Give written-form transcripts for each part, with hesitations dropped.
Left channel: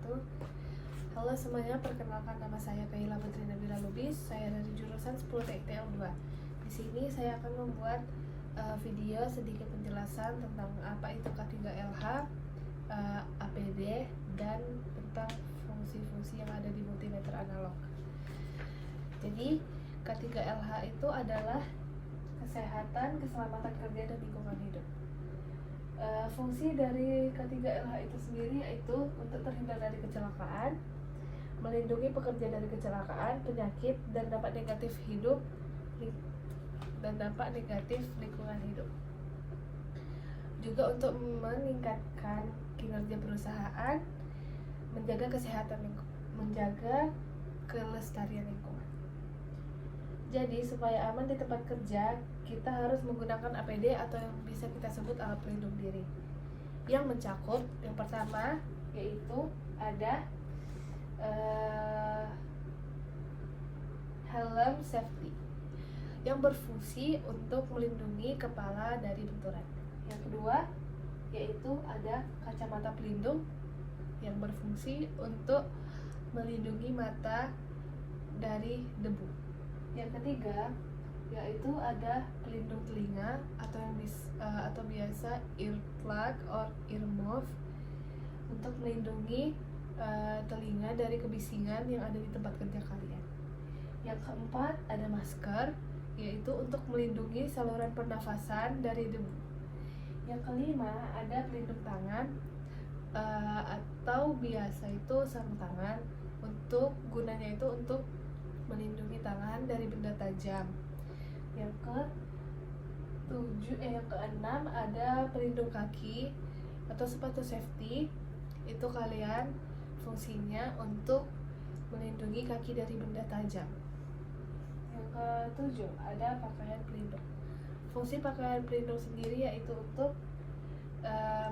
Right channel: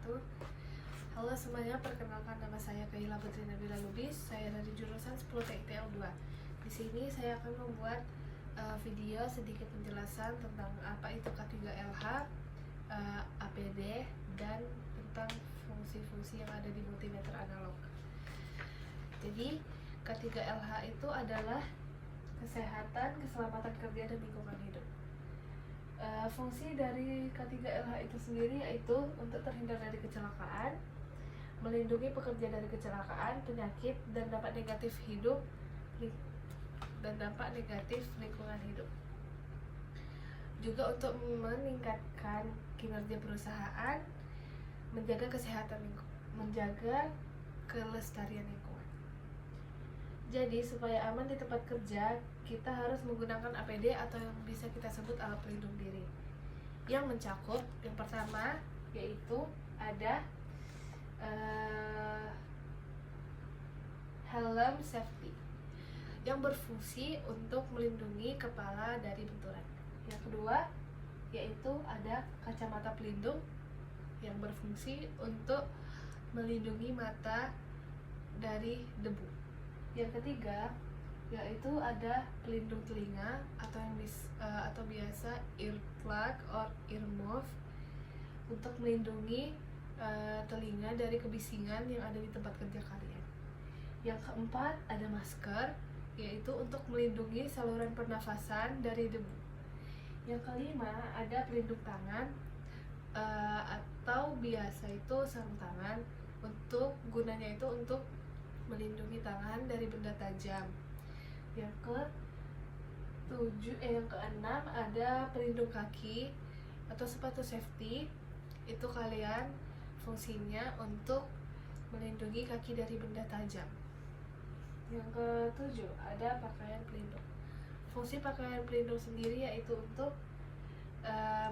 wabarakatuh. Halo semuanya, perkenalkan nama saya Kaila Putri Nabila Lubis. Saya dari jurusan 10 TITL 2. Di sini saya akan membuat video sedikit penjelasan tentang apa itu K3LH, APD, dan tentang fungsi-fungsi yang ada di multimeter analog. Jadi K3LH itu adalah kesehatan, keselamatan kerja, dan lingkungan hidup. Fungsi dari K3LH itu sendiri yaitu untuk terhindar dari kecelakaan, melindungi pekerja dari kecelakaan, penyakit, dan dampak negatif lingkungan hidup. Juga untuk meningkatkan kinerja perusahaan, menjaga kesehatan menjaga kelestarian lingkungan. Jadi supaya aman di tempat kerja, kita harus menggunakan APD atau yang bisa kita sebut alat pelindung diri, yang mencakup yang pertama yaitu ada helm safety yang berfungsi untuk melindungi kepala dari benturan. Yang kedua yaitu ada kacamata pelindung yang berfungsi untuk melindungi mata dari debu. Yang ketiga yaitu ada pelindung telinga atau biasa earplug or earmuff untuk melindungi telinga dari kebisingan yang ada di tempat kerja kalian. Yang keempat ada masker, yaitu untuk melindungi saluran pernafasan dari debu. Yang kelima ada pelindung tangan atau biasa itu sarung tangan, gunanya itu untuk melindungi tangan dari benda tajam. Yang keenam ada pelindung kaki atau sepatu safety. Itu kalian fungsinya untuk melindungi kaki dari benda tajam. Yang ketujuh ada pakaian pelindung. Fungsi pakaian pelindung sendiri yaitu untuk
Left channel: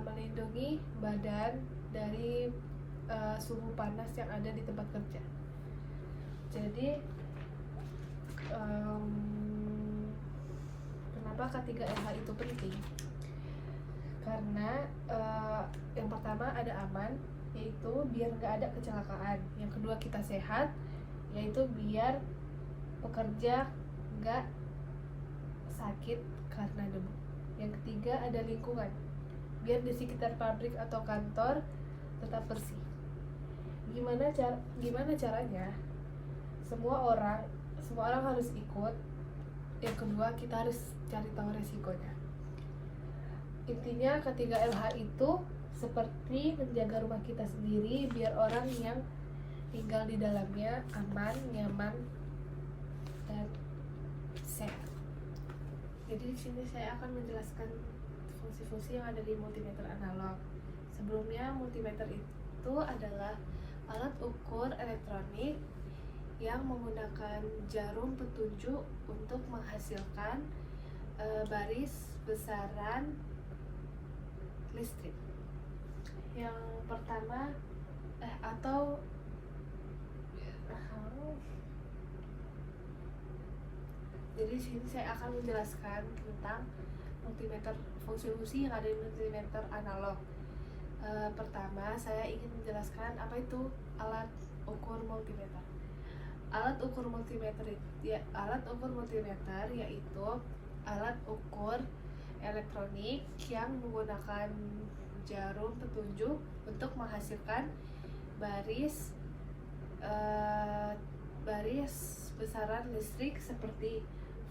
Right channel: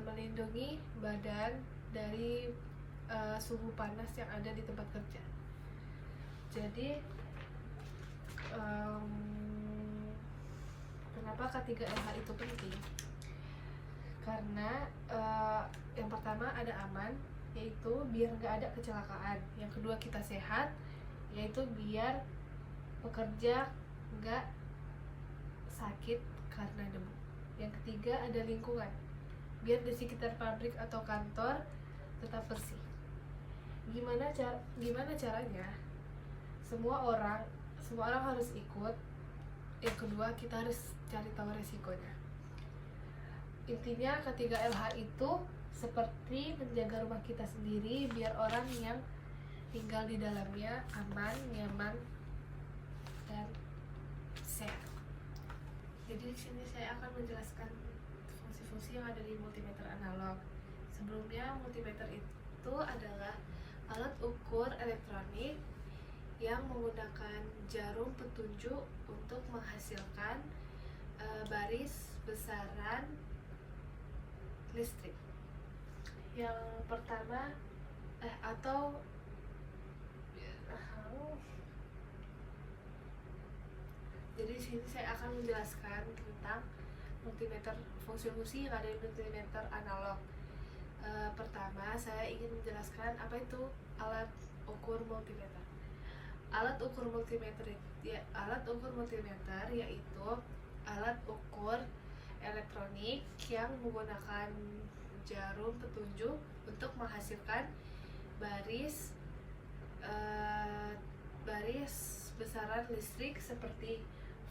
melindungi badan dari suhu panas yang ada di tempat kerja. Jadi kenapa K3LH itu penting? Karena yang pertama ada aman, yaitu biar nggak ada kecelakaan. Yang kedua kita sehat, yaitu biar pekerja nggak sakit karena debu. Yang ketiga ada lingkungan, biar di sekitar pabrik atau kantor tetap bersih. Gimana caranya? Semua orang harus ikut. Yang kedua kita harus cari tahu resikonya. Intinya K3LH itu seperti menjaga rumah kita sendiri biar orang yang tinggal di dalamnya aman, nyaman, dan sehat. Jadi di sini saya akan menjelaskan fungsi-fungsi yang ada di multimeter analog. Sebelumnya multimeter itu adalah alat ukur elektronik yang menggunakan jarum petunjuk untuk menghasilkan baris besaran listrik. Yang pertama jadi di sini saya akan menjelaskan tentang multimeter, fungsi-fungsi yang ada di multimeter analog. Pertama saya ingin menjelaskan apa itu alat ukur multimeter. Alat ukur multimeter yaitu alat ukur elektronik yang menggunakan jarum petunjuk untuk menghasilkan baris besaran listrik seperti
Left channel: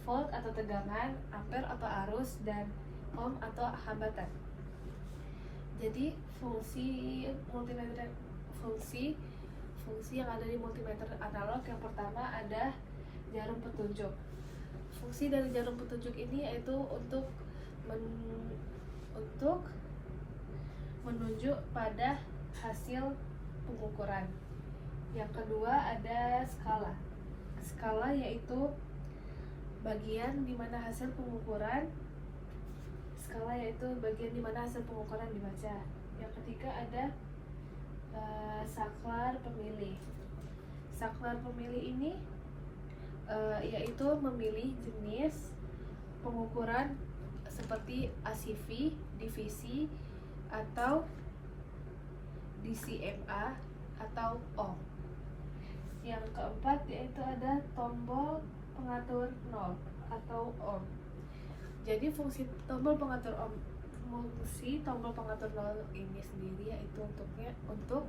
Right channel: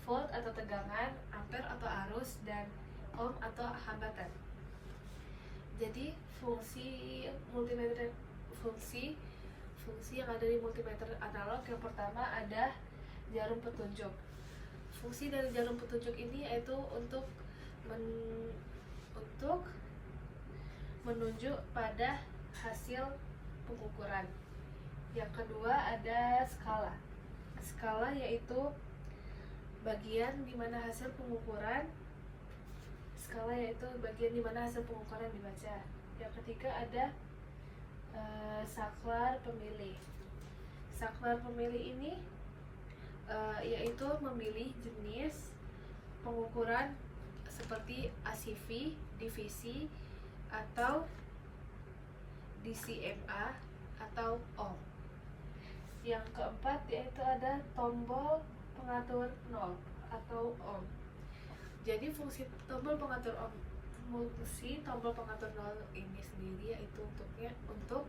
volt atau tegangan, ampere atau arus, dan ohm atau hambatan. Jadi fungsi yang ada di multimeter analog yang pertama ada jarum petunjuk. Fungsi dari jarum petunjuk ini yaitu untuk menunjuk pada hasil pengukuran. Yang kedua ada skala. Skala yaitu bagian di mana hasil pengukuran dibaca. Yang ketiga ada saklar pemilih. Saklar pemilih ini yaitu memilih jenis pengukuran seperti ACV, divisi, atau DCMA atau ohm. Yang keempat yaitu ada tombol pengatur nol atau ohm. Jadi fungsi tombol pengatur nol ini sendiri yaitu untuk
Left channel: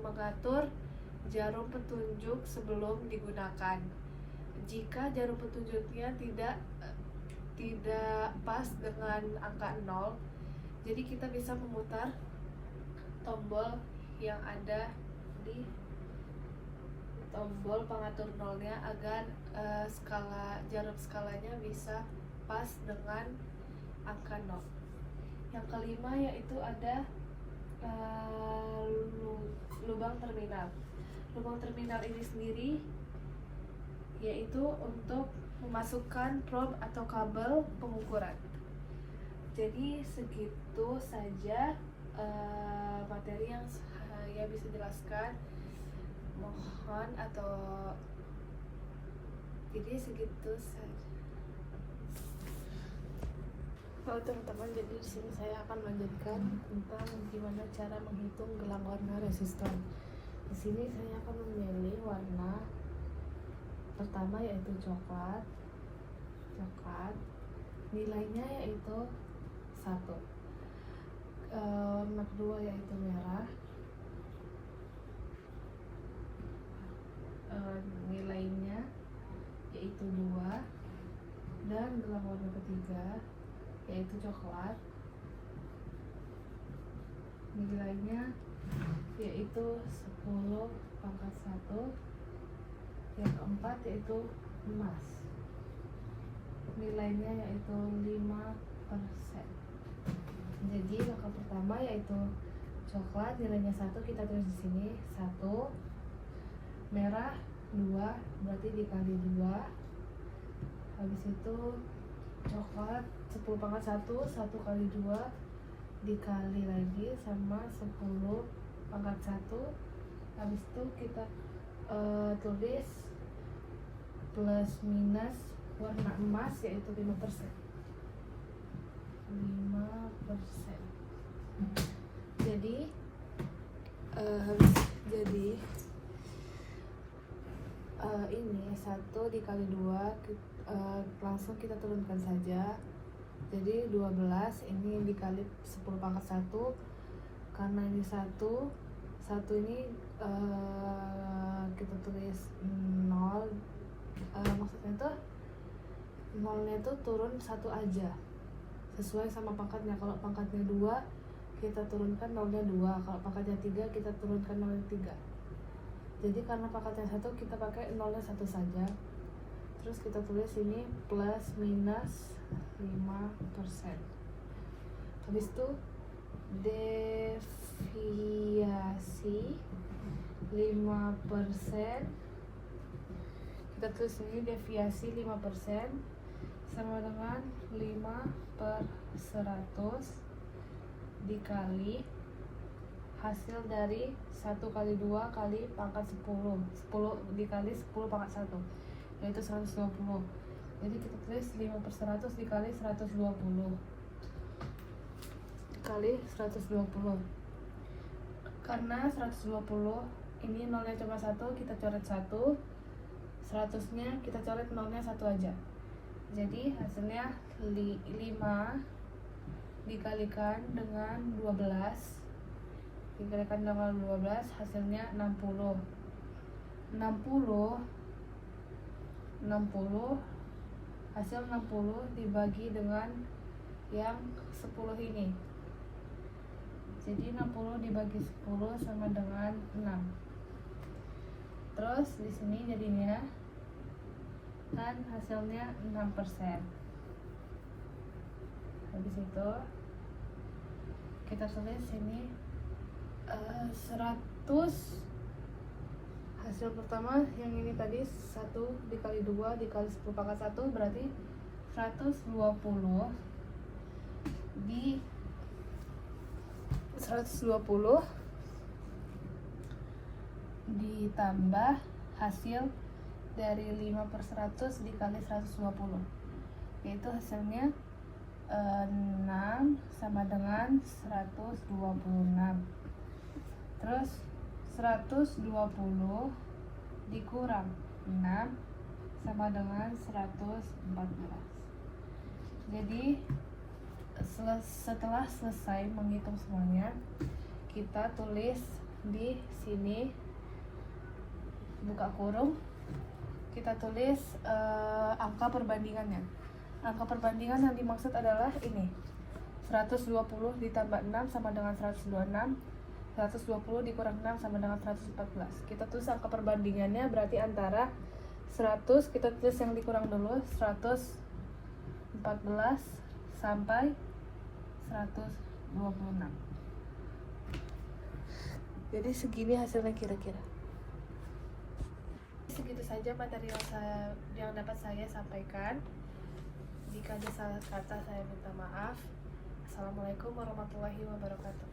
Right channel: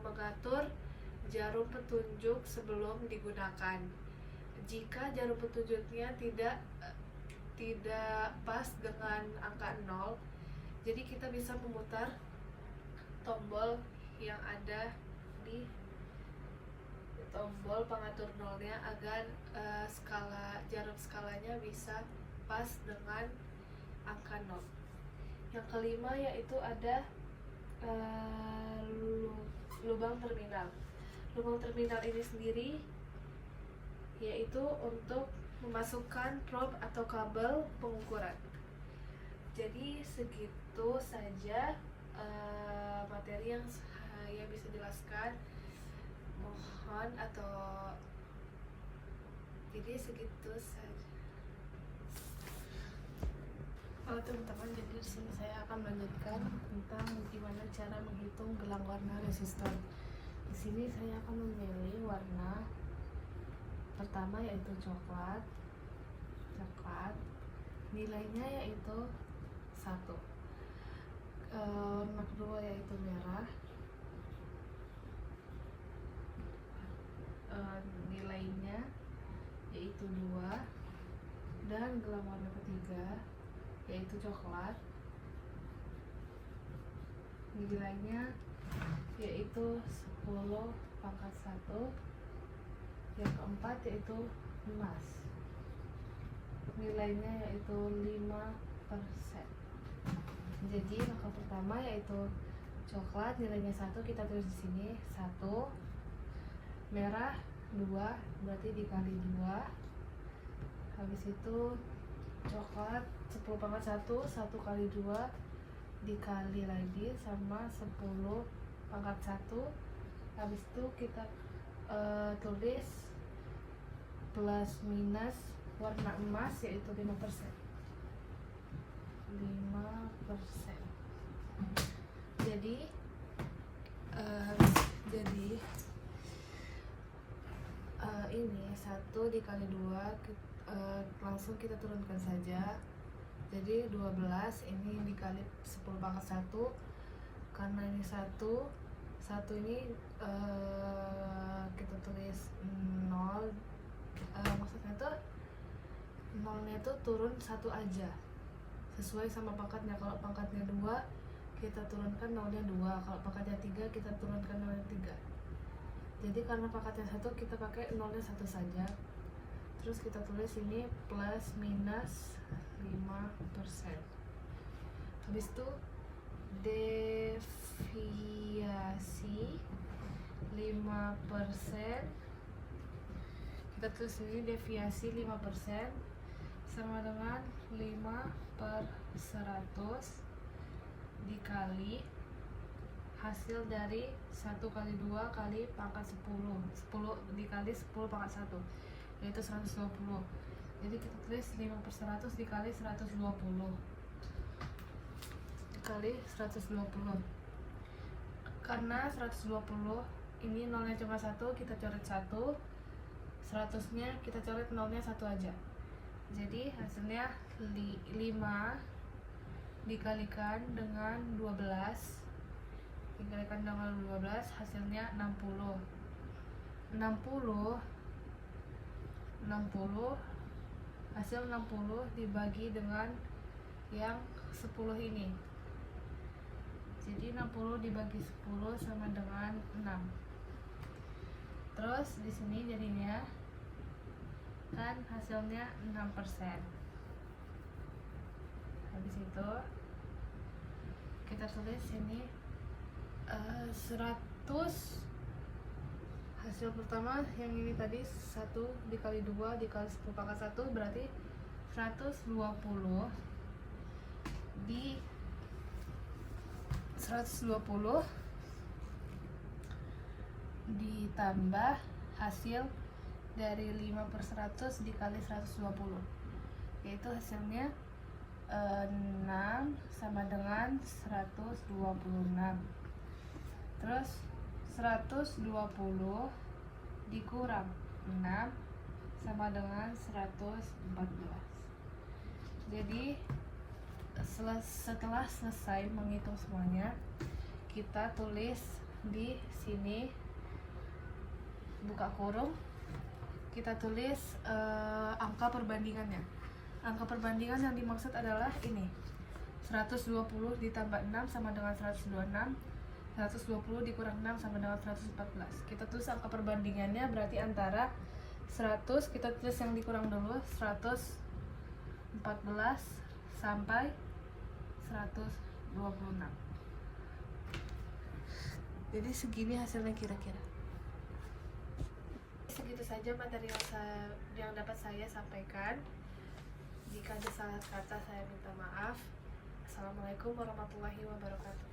mengatur jarum petunjuk sebelum digunakan. Jika jarum petunjuknya tidak pas dengan angka 0, jadi kita bisa memutar tombol yang ada di tombol pengatur nolnya agar jarum skalanya bisa pas dengan angka 0. Yang kelima yaitu ada lubang terminal. Lubang terminal ini sendiri yaitu untuk memasukkan probe atau kabel pengukuran. Jadi segitu saja materi yang saya bisa jelaskan. Mohon jadi segitu saja. Teman-teman, jadi di sini saya akan melanjutkan tentang gimana cara menghitung gelang warna resistor. Di sini saya akan memilih warna pertama yaitu coklat. Nilainya yaitu 1. Warna kedua yaitu merah. Nilainya yaitu 2. Dan gelang warna ketiga yaitu coklat. Nilainya yaitu 10/1. Yang keempat yaitu emas. Nilainya yaitu 5%. Jadi langkah pertama yaitu coklat, nilainya 1, kita tulis di sini 1. Merah 2, berarti dikali 2. Habis itu coklat 10/1, 1 kali 2 dikali lagi sama 10/1. Habis itu kita tulis plus minus warna emas yaitu 5%. Jadi ini 1 dikali 2 langsung kita turunkan saja. Jadi 12 ini dikali 10/1, karena ini 1 ini kita tulis 0, maksudnya tuh 0-nya tuh turun 1 aja sesuai sama pangkatnya. Kalau pangkatnya 2 kita turunkan 0-nya 2, kalau pangkatnya 3 kita turunkan 0-nya 3. Jadi karena pangkatnya 1 kita pakai 0-nya 1 saja. Terus kita tulis ini plus minus 5%. Habis itu deviasi 5%. Kita tulis ini deviasi 5% sama dengan 5/100 dikali hasil dari 1 kali 2 kali pangkat 10 dikali 10/1 yaitu 120. Jadi kita tulis 5/100 dikali 120 dikali 120. Karena 120 ini 0-nya cuma 1, kita coret 1. 100-nya kita coret 0-nya 1 aja. Jadi hasilnya 5 dikalikan dengan 12 hasilnya 60. 60 hasil 60 dibagi dengan yang 10 ini. Jadi 60 dibagi 10 sama dengan 6. Terus di sini jadinya kan hasilnya 6%. Habis itu kita tulis ini 100. Hasil pertama yang ini tadi 1 dikali 2 dikali 10/1 berarti 120 ditambah hasil dari 5/100 dikali 120, yaitu hasilnya 6 sama dengan 126. Terus 120 dikurang 6 sama dengan 114. Jadi setelah selesai menghitung semuanya, kita tulis di sini, buka kurung, kita tulis angka perbandingannya. Angka perbandingan yang dimaksud adalah ini, 120 ditambah 6 sama dengan 126, 120 dikurang 6 sama dengan 114. Kita tulis angka perbandingannya, berarti antara 100, kita tulis yang dikurang dulu, 114 sampai 126. Jadi segini hasilnya kira-kira. Segitu saja materi yang dapat saya sampaikan. Jika ada salah kata, saya minta maaf. Assalamualaikum warahmatullahi wabarakatuh.